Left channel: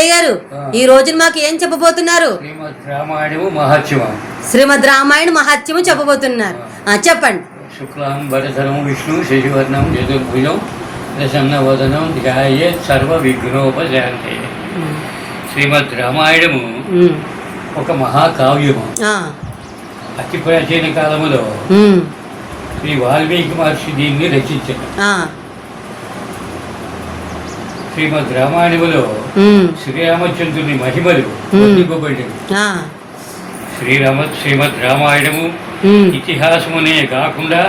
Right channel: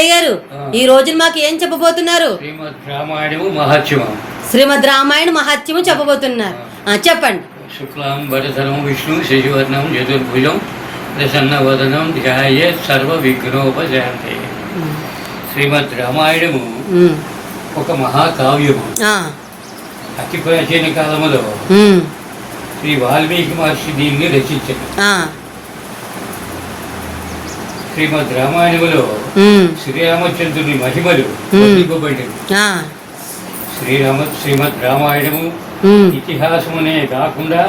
తాతయ్య గారు. ఈ రోజు మాకు ఏం చెప్పబోతున్నారు? శ్రీమద్ రామాయణ మహత్యము చెప్పబోతున్నారు. చెప్పండి. శుక్లాం వరధరం విష్ణు శశివర్ణం చతుర్భుజం ప్రసన్నవదనం ధ్యాయే సర్వ విఘ్నోపశాంతి. శ్రీమద్ రామాయణము ఒక మహాకావ్యము. అతి ప్రాచీన కాలములో శ్రీ వాల్మీకి మహర్షి దీన్ని రచించారు. శ్రీమద్ రామాయణములో శ్రీరామచంద్రుని మహిమలు. వర్ణింపబడినవి. శ్రీరామ శ్రీమద్ రామాయణము ఇతిహాసమునే కాకుండా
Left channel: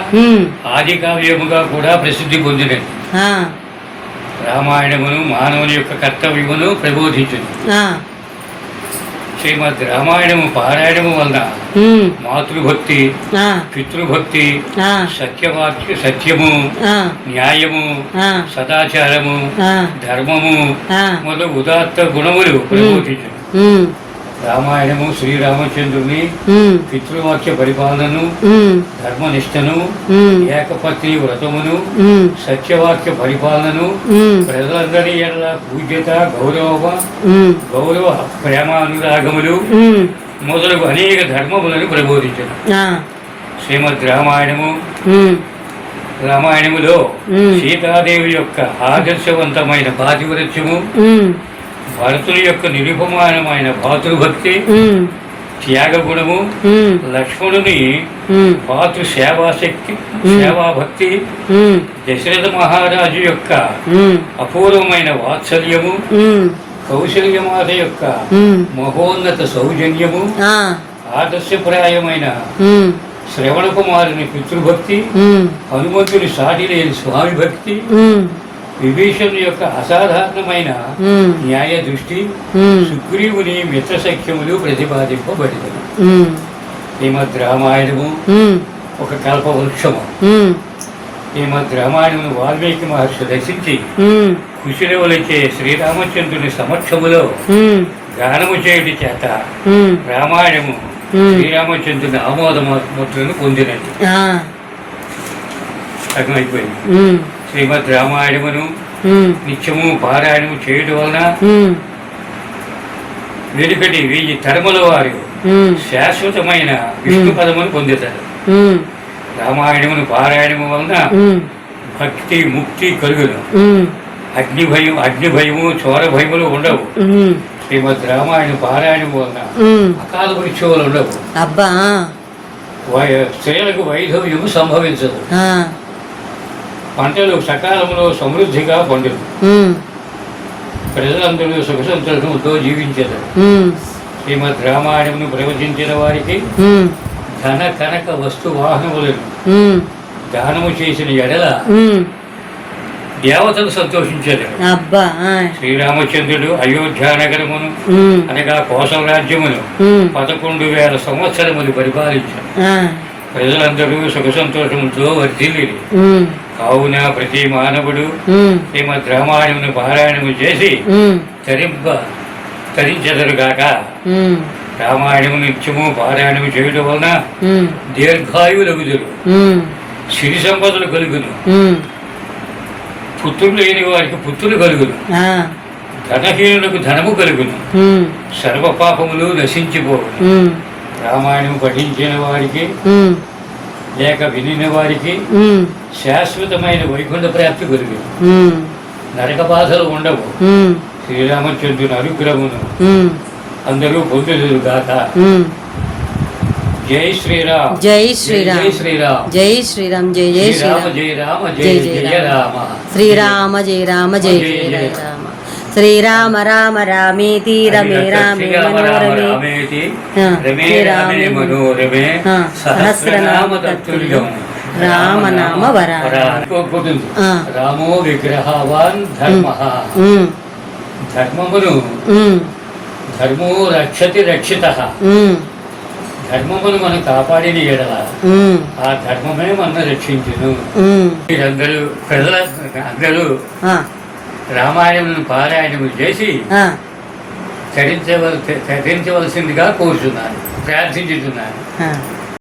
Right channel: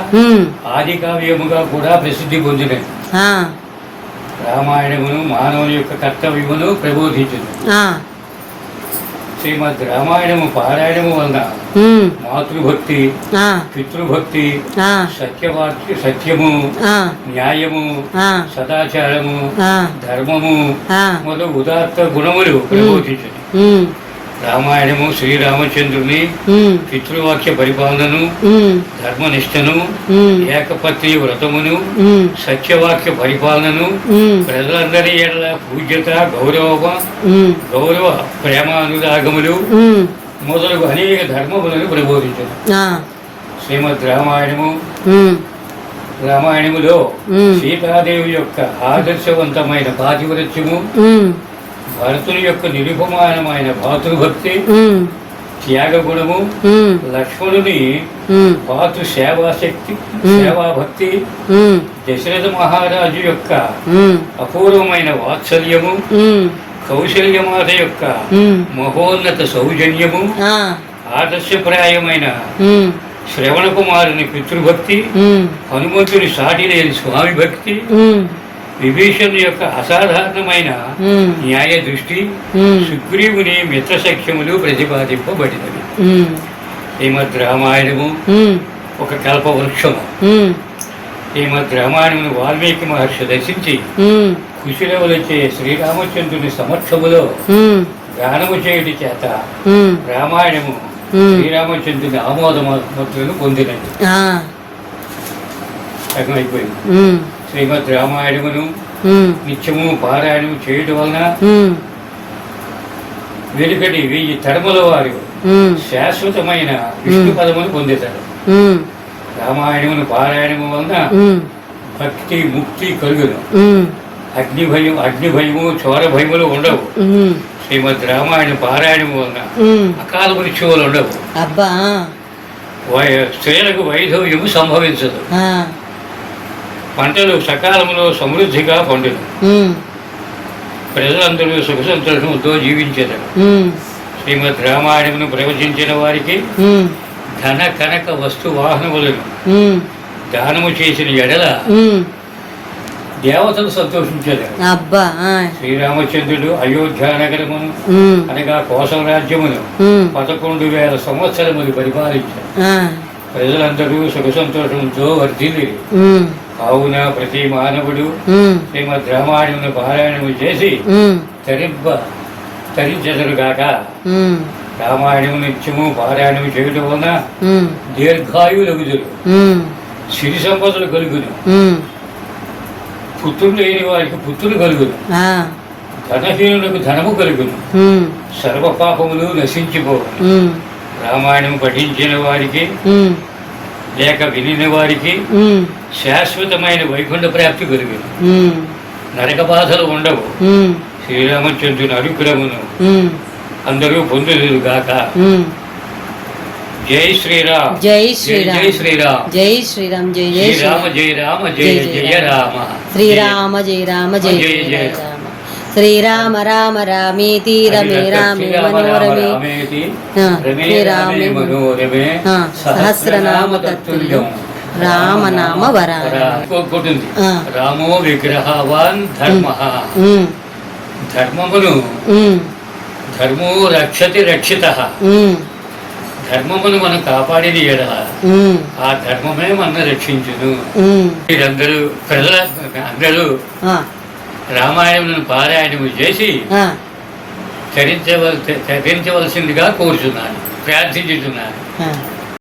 ఆది కావ్యముగా కూడా ప్రసిద్ధి పొందినది. రామాయణమును మానవుని యొక్క కర్తవ్యమును ప్రబోధించింది. శ్రీమద్ రామాయణము పారాయణము వలన మాతృభక్తి పితృభక్తి సత్యవాక్య సత్యము న్యాయము సదాచారము ధర్మము మొదలు ఉదాత్త గుణములు ప్రబోధించింది ఉమ్, రామాయణము శ్రీరామచంద్రుని పితృవాక్య పరిపాలనను ధర్మనిష్టను ఏకపత్ని వ్రతమును సత్యవాక్య పరిపాలనను ప్రజలందరి ఎడల పూజ్యత గౌరవ గౌరవ ప్రేమానురాగములు ఉమ్, మొదలగు అనేక ధర్మములను ప్రబోధించను. శ్రీమద్ రామాయణము. రామాయణములో సీతాదేవి యొక్క ఆదర్శవంతమైన పాతివృత్యము భరతుని యొక్క నిరుపమానమైన భాతృభక్తి ఉమ్, త్యాగగుణము ఉమ్, లక్ష్మణుని భాతృ సేవాశక్తి. సేవాభక్తి దశరథ మహారాజు యొక్క అపూర్వమైన వాత్సల్యము కౌశల్యమాత యొక్క మహోన్నత సౌజన్యము ఆదర్శప్రాయమైన శ్రవణ కుమారుని పితృభక్తి హనుమంతుని సాటి లేని స్వామి భక్తి ఉమ్, విభీషణుని యొక్క అసాధారణమైన న్యాయ దృష్టి సుగ్రీవుని మిత్రసఖ్యములు ప్రతిపాదింపబడినవి ఉమ్, శ్రీమద్ రామాయణము ఒక కల్పవృక్షము శ్రీమద్ రామాయణమును వాల్మీకి మహర్షి దర్శించి కుశలవులచే శ్రీరామచంద్రుని సమక్షములో గానము చేయటి చేత రామాయణము శ్రీరామచంద్రుని ఆమోదములను పొందినది. ఆ, అర్థమైపోయింది శ్రీమద్ రామాయణమును నిత్యము పారాయణము చేయడం వలన వెనుకటి వెయ్యి తరముల వారు శాశ్వతమైన విష్ణు పదమును పొందుతారు రామాయణమును పారాయణము వలన భక్తి ముక్తి కలుగును. అగ్ని భయం అగ్ని భయము చోర భయములు ఉండవు. శ్రీమద్ రామాయణ పారాయణము వలన అకాల మృత్యువులు ఉండవు. స్త్రీలకు వైధవ్యము సంభవించదు. పంటలు సకాలంలో సమృద్ధిగా పండును. ప్రజలందరూ సుఖ సంతోషంతో జీవించారు శ్రీమద్ రామాయణమును ప్రవచించిన వారికి ధన కనక వస్తు వాహనములను దానము చేసిన ఎడల దేవతలు సంతోషించారు శ్రీరామచంద్రుడు అయోధ్యానగరమును ఉమ్, అనగా కోసం రాజ్యమును పదకొండు వేల సంవత్సరములు పరిపాలించారు ప్రజలందరూ సుఖ సంతోషంతో వర్ధిల్లి కావున ప్రతి మానవుడు శ్రీమద్ రామాయణమును పారాయణము చేసి తరింప తరించదురుగాక రామాయణము నిత్యము పారాయణము చేయడం వలన ఉమ్, సిరి సంపదలు కలుగును. పుత్రులు లేని వారికి పుత్రులు కలుగును. ధనహీనులకు ధనము కలుగును. సర్వ పాపములు నశించిపోవు రామాయణం పఠించిన వారికి లేక వినిన వారికి శాశ్వతమైన వైకుంఠ ప్రాప్తి కలుగును ఉమ్, నరక బాధలు ఉండవు. శ్రీరామచంద్రుని అనుగ్రహమును అందరూ పొందుదురుగాక ఉమ్. జై శ్రీరామ్. జై జై శ్రీరామ్. శ్రీరామ్ జై శ్రీరామ్. జై జై శ్రీరామ శ్రీరామ్. జయ రామ జయ జై జయ రామ. శ్రీరామ జయ రామ జయ జయ రామ. శ్రీరామ రామ రామేతి రమే రామే మనోరమే. రమే మనోరమే. సహస్రనామ తత్తుల్యం. రామనామ ఆ. రామో విగ్రహవాన్ ధర్మ. ధర్మమును ధర్మో రక్షతి రక్షిత. ధర్మమును మనం కాపాడిన ఎడల ఆ ధర్మమే మన రక్షించును. మీరందరూ ప్రజల అందరూ ఆ, రామాయణమును పారాయణము చేసి ఆ, తరించవల తరించవలసిందిగా కోరుచున్నాను. ప్రార్థించుతున్నాను.